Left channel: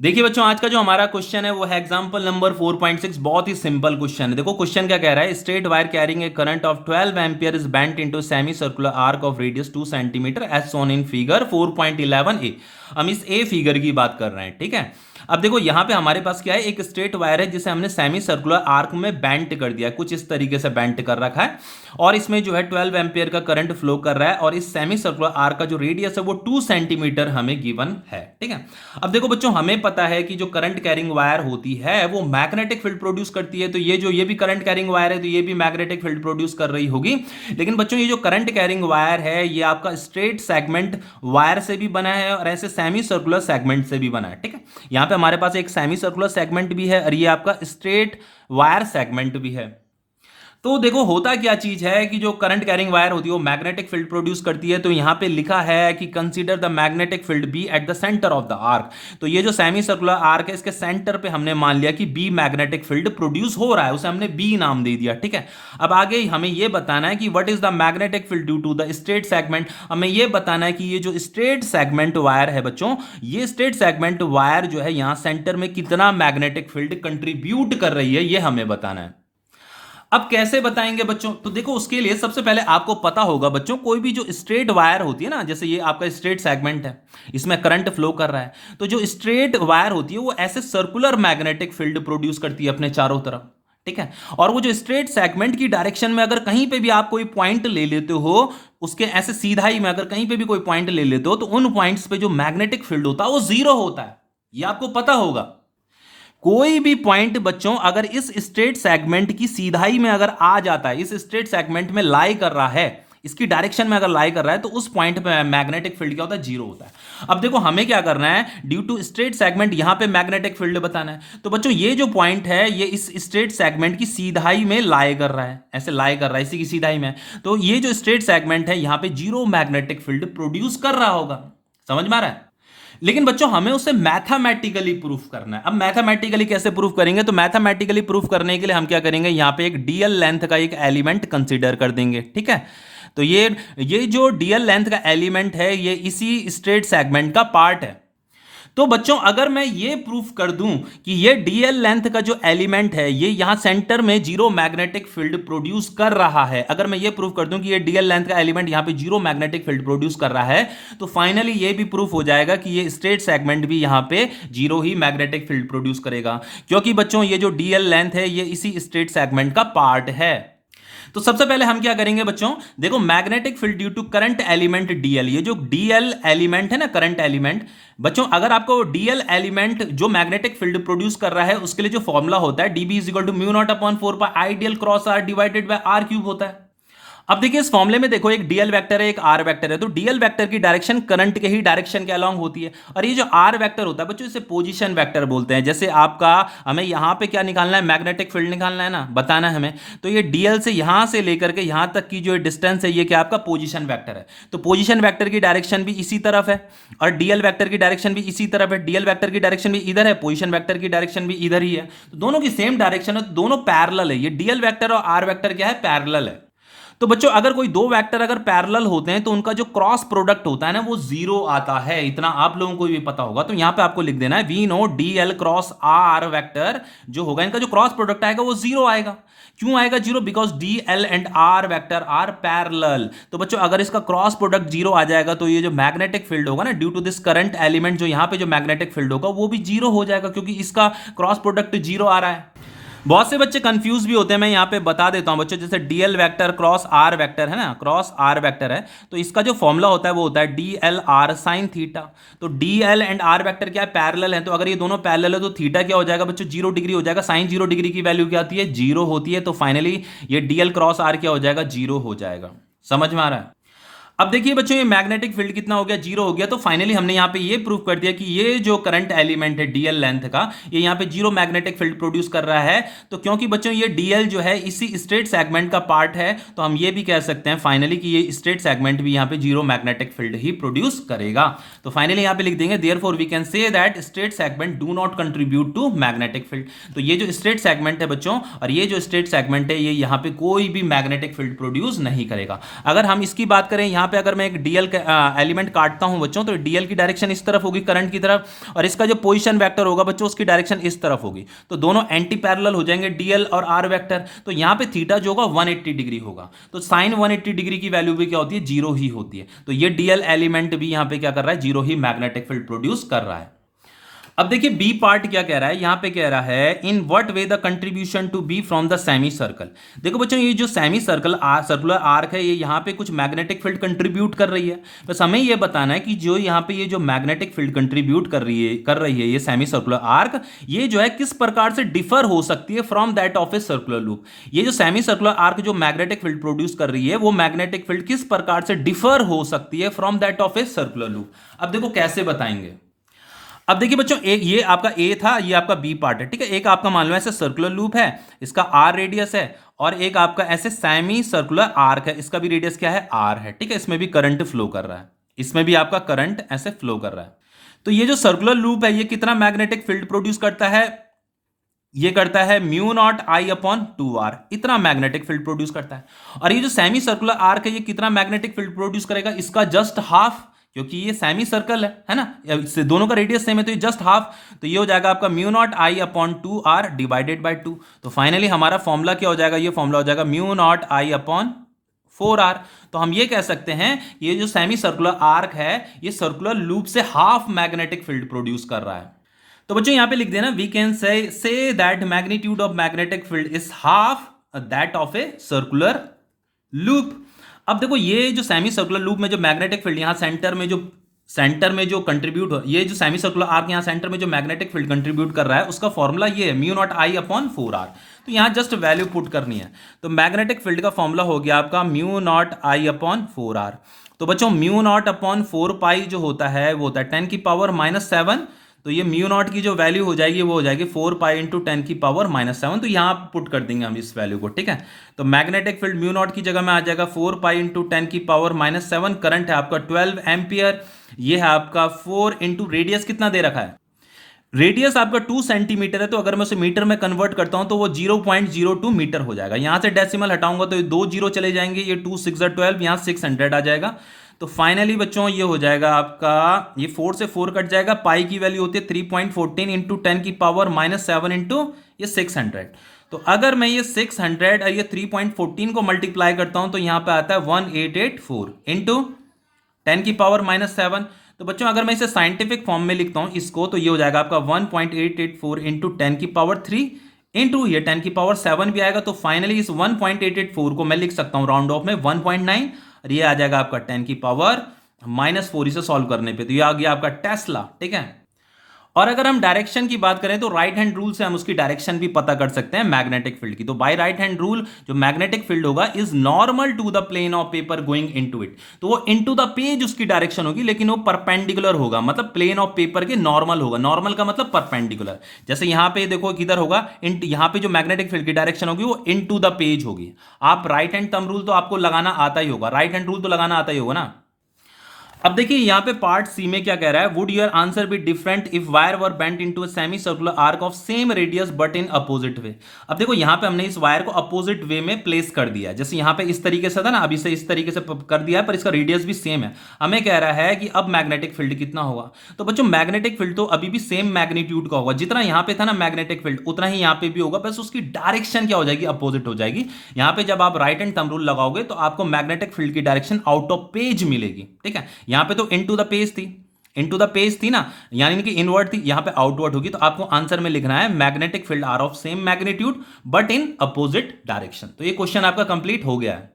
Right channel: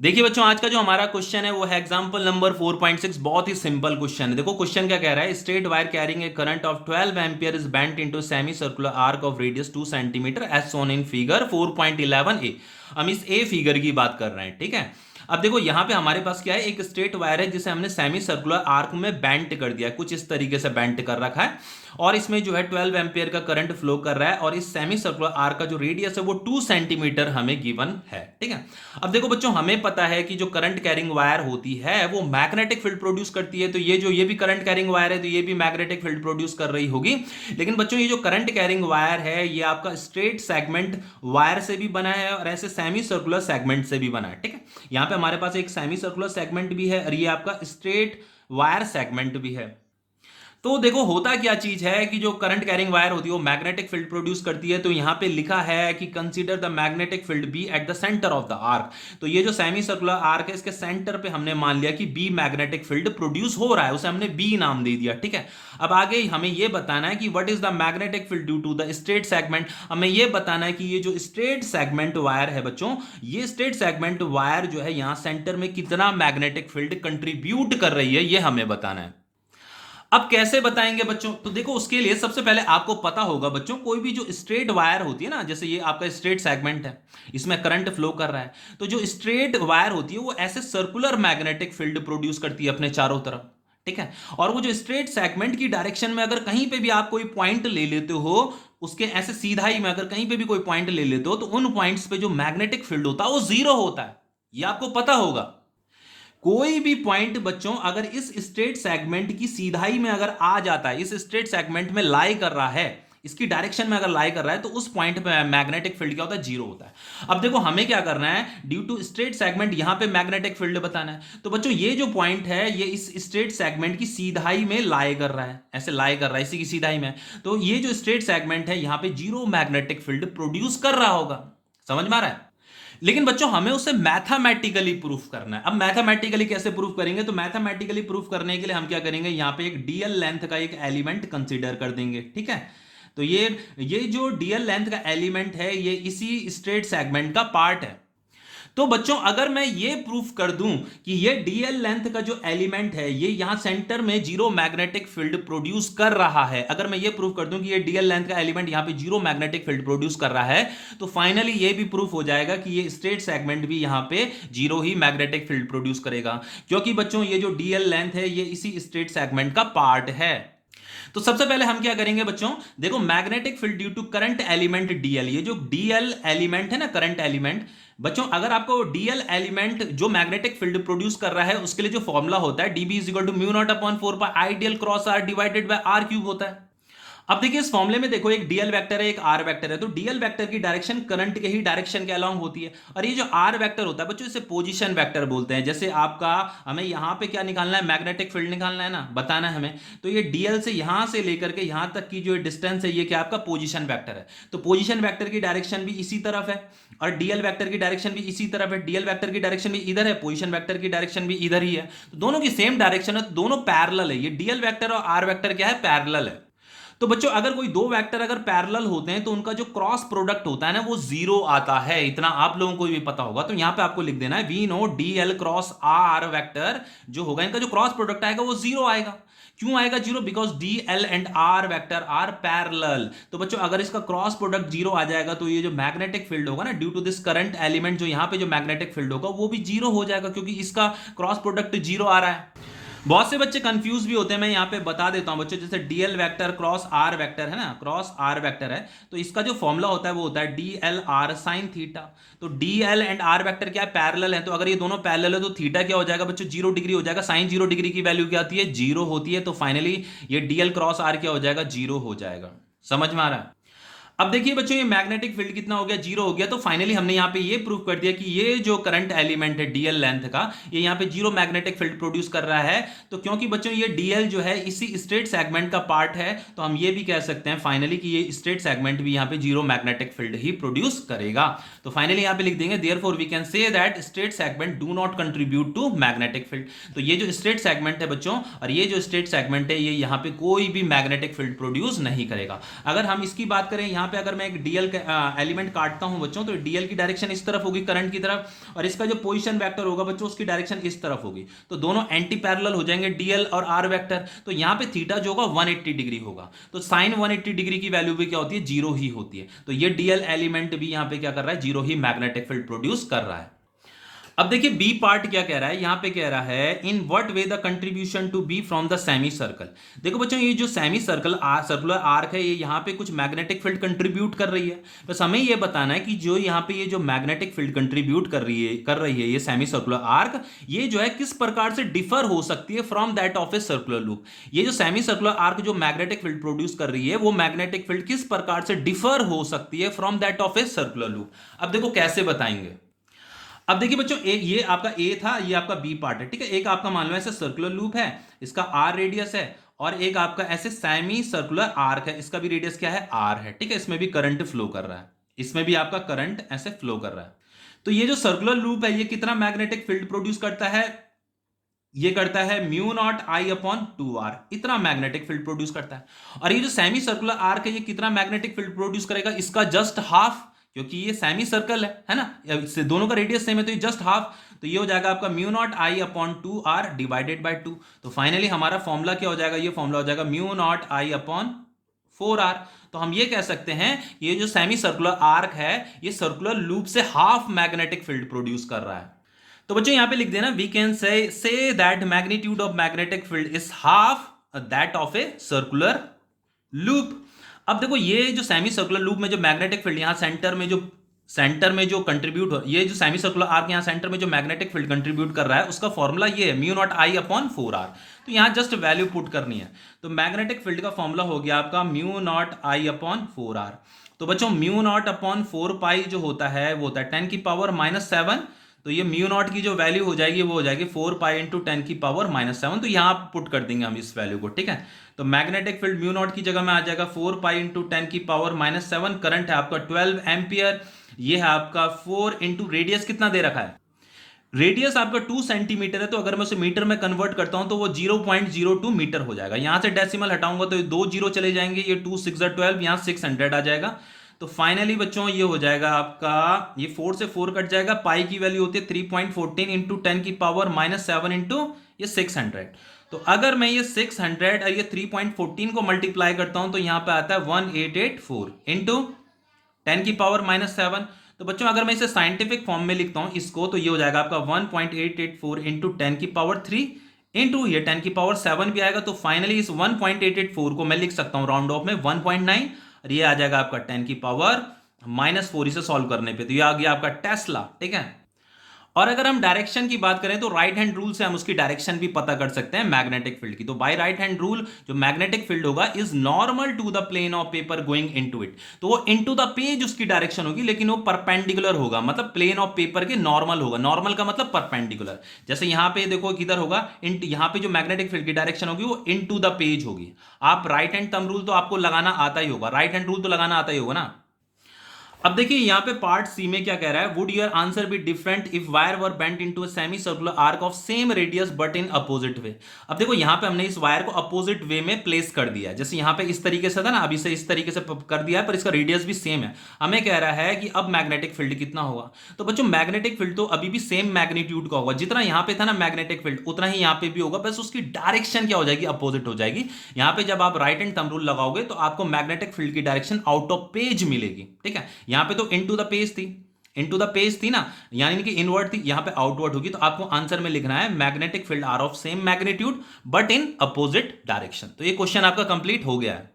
देखिए बच्चों, आज का जो हमारा क्वेश्चन है वो है एग्जांपल नंबर 4.6। बहुत ही सिंपल क्वेश्चन है। देखो क्वेश्चन क्या कह रहा है, straight wire carrying a current of 12 ampere is bent into semi circular arc of radius 2 centimetre as shown in figure 4.11 a. हम इस ए फिगर की बात कर रहे हैं, ठीक है। अब देखो यहाँ पे हमारे पास क्या है, एक स्ट्रेट वायर है जिसे हमने सेमी सर्कुलर आर्क में बेंट कर दिया है, कुछ इस तरीके से बेंट कर रखा है। और इसमें जो है 12 एम्पियर का करंट फ्लो कर रहा है और इस सेमी सर्कुलर आर्क का जो रेडियस है वो 2 सेंटीमीटर हमें गिवन है, ठीक है। अब देखो बच्चों, हमें पता है कि जो करंट कैरिंग वायर होती है वो मैग्नेटिक फील्ड प्रोड्यूस करती है। तो ये भी करंट कैरिंग वायर है, तो ये भी मैग्नेटिक फील्ड प्रोड्यूस कर रही होगी। लेकिन बच्चों, ये जो करंट कैरिंग वायर है ये आपका स्ट्रेट सेगमेंट वायर से भी बना है और ऐसे सेमी सर्कुलर सेगमेंट से भी बना है, ठीक है। यहाँ पे हमारे पास एक सेमी सर्कुलर सेगमेंट भी है और ये आपका स्ट्रेट वायर सेगमेंट भी है। तो देखो होता क्या चीज है कि जो करंट कैरिंग वायर होती है वो मैग्नेटिक फील्ड प्रोड्यूस करती है। तो यहां पे लिखा है कि consider the magnetic field B at the centre of the arc. तो ये जो सेमी सर्कुलर आर्क है इसके सेंटर पे हमने मान लिया कि बी मैग्नेटिक फील्ड प्रोड्यूस हो रहा है, उसे हमने बी नाम दे दिया, ठीक है। अब आगे हमें ये बताना है कि what is the magnetic field due to the straight segment. हमें ये बताना है कि ये जो स्ट्रेट सेगमेंट वायर है बच्चों, ये स्ट्रेट सेगमेंट वायर जो है यहां सेंटर में कितना मैग्नेटिक फील्ड कंट्रीब्यूट कर रही है, ये हमें बताना है। अब कैसे बताएंगे बच्चों, तो देखो उसके लिए सबसे पहले आपको पता होगा बच्चों, कोई भी जो स्ट्रेट वायर होती है ना, जैसे ये आपका स्ट्रेट सेगमेंट है, इसमें करंट फ्लो कर रहा है, तो जो स्ट्रेट वायर होती है वो ऐसे सर्कुलर मैग्नेटिक फील्ड प्रोड्यूस करती है अपने चारों तरफ, ठीक है। और वो जो स्ट्रेट सेगमेंट की डायरेक्शन में अगर कहीं पे भी आप कोई पॉइंट ले लेते हो, उसके ऐसे सीधाई में अगर कहीं पे भी कोई पॉइंट ले लेते हो, तो उन पॉइंट्स पे जो मैग्नेटिक फील्ड होता है वो जीरो होता है, ये आपको पता होगा। कोई भी पॉइंट बच्चों अगर इस स्ट्रेट सेगमेंट की सीधाई में अगर आ जाता है, इस स्ट्रेट सेगमेंट में लाई कर रहा है, इसकी डायरेक्शन में अगर लाई कर रहा है, तो उस पॉइंट पे मैग्नेटिक फील्ड क्या होता है, जीरो होता है। अब देखो हमें क्या करना है, ड्यू टू स्ट्रेट सेगमेंट यहां पे मैग्नेटिक फील्ड बताना है। तो बच्चों ये जो पॉइंट है ये इस स्ट्रेट सेगमेंट की सीधाई में लाई कर रहा है, ऐसे लाई कर रहा है इसी की सीधाई में। तो ये जो स्ट्रेट सेगमेंट है यहां पे जीरो मैग्नेटिक फील्ड प्रोड्यूस कर रहा होगा, समझ में आ रहा है। लेकिन बच्चों हमें उसे मैथमेटिकली प्रूफ करना है। अब मैथमेटिकली कैसे प्रूफ करेंगे, तो मैथमेटिकली प्रूफ करने के लिए हम क्या करेंगे, यहां पे एक डीएल लेंथ का एक एलिमेंट कंसीडर कर देंगे, ठीक है। तो ये जो डीएल लेंथ का एलिमेंट है ये इसी स्ट्रेट सेगमेंट का पार्ट है। तो बच्चों अगर मैं ये प्रूफ कर दूं कि ये डीएल लेंथ का जो एलिमेंट है ये यहां सेंटर में जीरो मैग्नेटिक फील्ड प्रोड्यूस कर रहा है, अगर मैं ये प्रूफ कर दूं कि ये डीएल लेंथ का एलिमेंट यहां पे जीरो मैग्नेटिक फील्ड प्रोड्यूस कर रहा है, तो फाइनली ये भी प्रूफ हो जाएगा कि ये स्ट्रेट सेगमेंट भी यहां पे जीरो ही मैग्नेटिक फील्ड प्रोड्यूस करेगा, क्योंकि बच्चों ये जो डीएल लेंथ है ये इसी स्ट्रेट सेगमेंट का पार्ट है। तो सबसे पहले हम क्या करेंगे बच्चों, देखो magnetic field due to current element DL, ये जो डीएल एलिमेंट है ना, करंट एलिमेंट, बच्चों अगर आपको डीएल एलिमेंट जो मैग्नेटिक फील्ड प्रोड्यूस कर रहा है उसके लिए जो फॉर्मूला होता है DB is equal to mu naught upon 4 pi I DL cross R divided by R cube होता है। अब देखिए इस फॉर्मूले में देखो एक डीएल वेक्टर है एक आर वेक्टर है, तो डीएल वेक्टर की डायरेक्शन करंट के ही डायरेक्शन के अलोंग होती है, और ये जो आर वेक्टर होता है बच्चों इसे पोजीशन वेक्टर बोलते हैं। जैसे आपका हमें यहां पे क्या निकालना है, मैग्नेटिक फील्ड निकालना है ना, बताना है हमें, तो ये डीएल से यहां से लेकर के यहां तक की जो डिस्टेंस है ये क्या आपका पोजीशन वेक्टर है। तो पोजीशन वेक्टर की डायरेक्शन भी इसी तरफ है और डीएल वेक्टर की डायरेक्शन भी इसी तरफ है, डीएल वेक्टर की डायरेक्शन भी इधर है, पोजीशन वेक्टर की डायरेक्शन भी इधर ही है, तो दोनों की सेम डायरेक्शन है, तो दोनों पैरेलल है। ये डीएल वेक्टर और आर वेक्टर क्या है, पैरेलल है। तो बच्चों अगर कोई दो वेक्टर अगर पैरेलल होते हैं तो उनका जो क्रॉस प्रोडक्ट होता है ना वो जीरो आता है, इतना आप लोगों को भी पता होगा। तो यहां पे आपको लिख देना है we know d l cross r vector जो होगा इनका जो क्रॉस प्रोडक्ट आएगा वो जीरो आएगा। क्यों आएगा zero, because d L and are vector are parallel. तो बच्चों अगर इसका क्रॉस प्रोडक्ट जीरो आ जाएगा तो ये जो मैग्नेटिक फील्ड होगा ना due to this current element, जो यहां पे जो मैग्नेटिक फील्ड होगा वो भी जीरो हो जाएगा, क्योंकि इसका क्रॉस प्रोडक्ट जीरो आ रहा है। बहुत से बच्चे कंफ्यूज भी होते हैं, मैं यहाँ पे बता देता हूँ बच्चों, जैसे dl vector cross r vector है ना, क्रॉस आर वेक्टर है, तो इसका जो फॉर्मूला होता है वो होता है D L R sine theta. तो D L and are vector क्या है, पैरेलल है, तो अगर ये दोनों पैरेलल है तो थीटा क्या हो जाएगा बच्चों, 0 डिग्री हो जाएगा। साइन 0 डिग्री की वैल्यू क्या आती है, जीरो होती है, तो फाइनली ये डीएल क्रॉस आर क्या हो जाएगा, जीरो हो जाएगा। समझ में आ रहा है। अब देखिए बच्चों ये मैग्नेटिक फील्ड कितना हो गया, जीरो हो गया। तो फाइनली हमने यहाँ पे ये प्रूव कर दिया कि ये जो करंट एलिमेंट है डीएल लेंथ का, ये यहाँ पे जीरो मैग्नेटिक फील्ड प्रोड्यूस कर रहा है। तो क्योंकि बच्चों ये डीएल जो है इसी स्ट्रेट सेगमेंट का पार्ट है, तो हम ये भी कह सकते हैं फाइनली कि ये स्ट्रेट सेगमेंट भी यहाँ पे जीरो मैग्नेटिक फील्ड ही प्रोड्यूस करेगा। तो फाइनली यहाँ पे लिख देंगे therefore we can say that straight segment do not contribute to magnetic field. तो ये जो स्ट्रेट सेगमेंट है बच्चों और ये जो स्ट्रेट सेगमेंट है ये यहाँ पे कोई भी मैग्नेटिक फील्ड प्रोड्यूस नहीं करेगा। अगर हम इसकी बात करें यहाँ यहाँ पे अगर मैं एक डीएल एलिमेंट काटता हूँ बच्चों, तो डीएल की डायरेक्शन इस तरफ होगी करंट की तरफ, और इसका जो पोजीशन वेक्टर होगा बच्चों उसकी डायरेक्शन इस तरफ होगी, तो दोनों एंटी पैरेलल हो जाएंगे डीएल और आर वेक्टर। तो यहाँ पे थीटा जो होगा 180 डिग्री होगा, तो साइन 180 डिग्री की वैल्यू भी क्या होती है, जीरो ही होती है। तो ये डीएल एलिमेंट भी यहाँ पे क्या कर रहा है, जीरो ही मैग्नेटिक फील्ड प्रोड्यूस कर रहा है। अब देखिए बी पार्ट क्या कह रहा है, यहां पे कह रहा है in what way the contribution to be from the semi circle. देखो बच्चों ये जो सेमी सर्कल सर्कुलर आर्क है, ये यहां पे कुछ मैग्नेटिक फील्ड कंट्रीब्यूट कर रही है। बस हमें ये बताना है कि जो यहां पे ये जो मैग्नेटिक फील्ड कंट्रीब्यूट कर रही है ये सेमी सर्कुलर आर्क, ये जो है किस प्रकार से डिफर हो सकती है from that of a circular loop. ये जो सेमी सर्कुलर आर्क जो मैग्नेटिक फील्ड प्रोड्यूस कर रही है, वो मैग्नेटिक फील्ड किस प्रकार से डिफर हो सकती है from that of a circular loop. अब देखो कैसे बताएंगे। अब देखिए बच्चों, एक ये आपका ए था, ये आपका बी पार्ट है, ठीक है। एक आपका मान लो ऐसे सर्कुलर लूप है, इसका आर रेडियस है, और एक आपका ऐसे सेमी सर्कुलर आर्क है, इसका भी रेडियस क्या है, आर है, ठीक है। इसमें भी करंट फ्लो कर रहा है, इसमें भी आपका करंट ऐसे फ्लो कर रहा है। तो ये जो सर्कुलर लूप है ये कितना मैग्नेटिक फील्ड प्रोड्यूस करता है, ये करता है mu not I upon 2r, इतना मैग्नेटिक फील्ड प्रोड्यूस करता है। और ये जो सेमी सर्कुलर आर्क है ये कितना मैग्नेटिक फील्ड प्रोड्यूस करेगा, इसका जस्ट हाफ, क्योंकि ये सेमी सर्कल है ना, इससे दोनों का रेडियस सेम है, तो ये जस्ट हाफ, तो ये हो जाएगा आपका mu not I upon 2r divided by 2। तो फाइनली हमारा फॉर्मूला क्या हो जाएगा, ये फॉर्मूला हो जाएगा mu not I upon 4r। तो हम ये कह सकते हैं ये जो सेमी सर्कुलर आर्क है ये सर्कुलर लूप से हाफ मैग्नेटिक फील्ड प्रोड्यूस कर रहा है। तो बच्चों यहां पे लिख देना, we can say that magnitude of magnetic field is half that of a circular loop. अब देखो ये जो सेमी सर्कुलर लूप में जो मैग्नेटिक फील्ड यहां सेंटर में जो कंट्रीब्यूट हो, ये जो सेमी सर्कुलर आर्क यहां सेंटर में जो मैग्नेटिक फील्ड कंट्रीब्यूट कर रहा है उसका फॉर्मूला ये है mu not I upon 4r। तो यहां जस्ट वैल्यू पुट करनी है, तो मैग्नेटिक फील्ड का फॉर्मूला हो गया आपका mu not I upon 4r। तो बच्चों म्यू नॉट अपॉन 4 पाई जो होता है वो होता है 10 की पावर -7, तो ये म्यू नॉट की जो वैल्यू हो जाएगी वो हो जाएगी 4 पाई इंटू 10 की पावर -7। तो यहाँ पुट कर देंगे हम इस वैल्यू को, ठीक है। तो मैग्नेटिक फील्ड म्यू नॉट की जगह में आ जाएगा 4 पाई इंटू 10 की पावर -7। करंट है आपका 12 एम्पियर, ये है आपका 4 इंटू रेडियस कितना दे रखा है, रेडियस आपका 2 सेंटीमीटर है, तो अगर मैं उसे मीटर में कन्वर्ट करता हूं तो वो 0.02 मीटर हो जाएगा। यहां से डेसिमल हटाऊंगा तो ये 2 जीरो चले जाएंगे, ये 2 6 12, यहां 600 आ जाएगा। तो फाइनली बच्चों ये हो जाएगा आपका, ये 4 से 4 कट जाएगा, पाई की वैल्यू होती है 3.14 इंटू 10 की पावर -7 इंटू ये 600। तो अगर मैं ये 600 और ये 3.14 को मल्टीप्लाई करता हूं तो यहां पे आता है 1884 इंटू 10 की पावर -7। तो बच्चों अगर मैं इसे साइंटिफिक फॉर्म में लिखता हूं इसको, तो ये हो जाएगा आपका 1.884 इंटू 10 की पावर 3 इंटू ये 10 की पावर 7 भी आएगा। तो फाइनली इस 1.884 को मैं लिख सकता हूं राउंड ऑफ में 1.9, और ये आ जाएगा आपका 10 की पावर -4 इसे सॉल्व करने पे, तो ये आ गया आपका टेस्ला, ठीक है। और अगर हम डायरेक्शन की बात करें तो राइट हैंड रूल से हम उसकी डायरेक्शन भी पता कर सकते हैं मैग्नेटिक फील्ड की। तो बाय राइट हैंड रूल जो मैग्नेटिक फील्ड होगा is normal to the plane of paper going into it, तो वो इनटू द पेज उसकी डायरेक्शन होगी, लेकिन वो परपेंडिकुलर होगा, मतलब प्लेन ऑफ पेपर के नॉर्मल होगा। नॉर्मल का मतलब परपेंडिकुलर। जैसे यहां पे देखो किधर होगा, यहां पे जो मैग्नेटिक फील्ड की डायरेक्शन होगी वो इनटू द पेज होगी। आप राइट हैंड थंब रूल तो आपको लगाना आता ही होगा, राइट हैंड रूल तो लगाना आता ही होगा ना। अब देखिए यहां पे पार्ट सी में क्या कह रहा है, would your answer be different if wire were bent into a semi circular arc of same radius but in opposite way. अब देखो यहां पे हमने इस वायर को अपोजिट वे में प्लेस कर दिया है, जैसे यहां पे इस तरीके से था ना, अभी से इस तरीके से कर दिया है, पर इसका रेडियस भी सेम है। हमें कह रहा है कि अब मैग्नेटिक फील्ड कितना होगा। तो बच्चों मैग्नेटिक फील्ड तो अभी भी सेम मैग्नीट्यूड का होगा, जितना यहां पे था ना मैग्नेटिक फील्ड उतना ही यहां पे भी होगा, बस उसकी डायरेक्शन क्या हो जाएगी, अपोजिट हो जाएगी। यहां पे जब आप राइट हैंड थंब रूल लगाओगे तो आपको मैग्नेटिक फील्ड की डायरेक्शन आउट ऑफ पेज मिलेगी, ठीक है। यहां पे तो इनटू द पेज थी, इनटू द पेज थी ना, यानी कि इनवर्ड थी, यहां पे आउटवर्ड होगी। तो आपको आंसर में लिखना है magnetic field are of same magnitude but in opposite direction. तो ये क्वेश्चन आपका कंप्लीट हो गया है।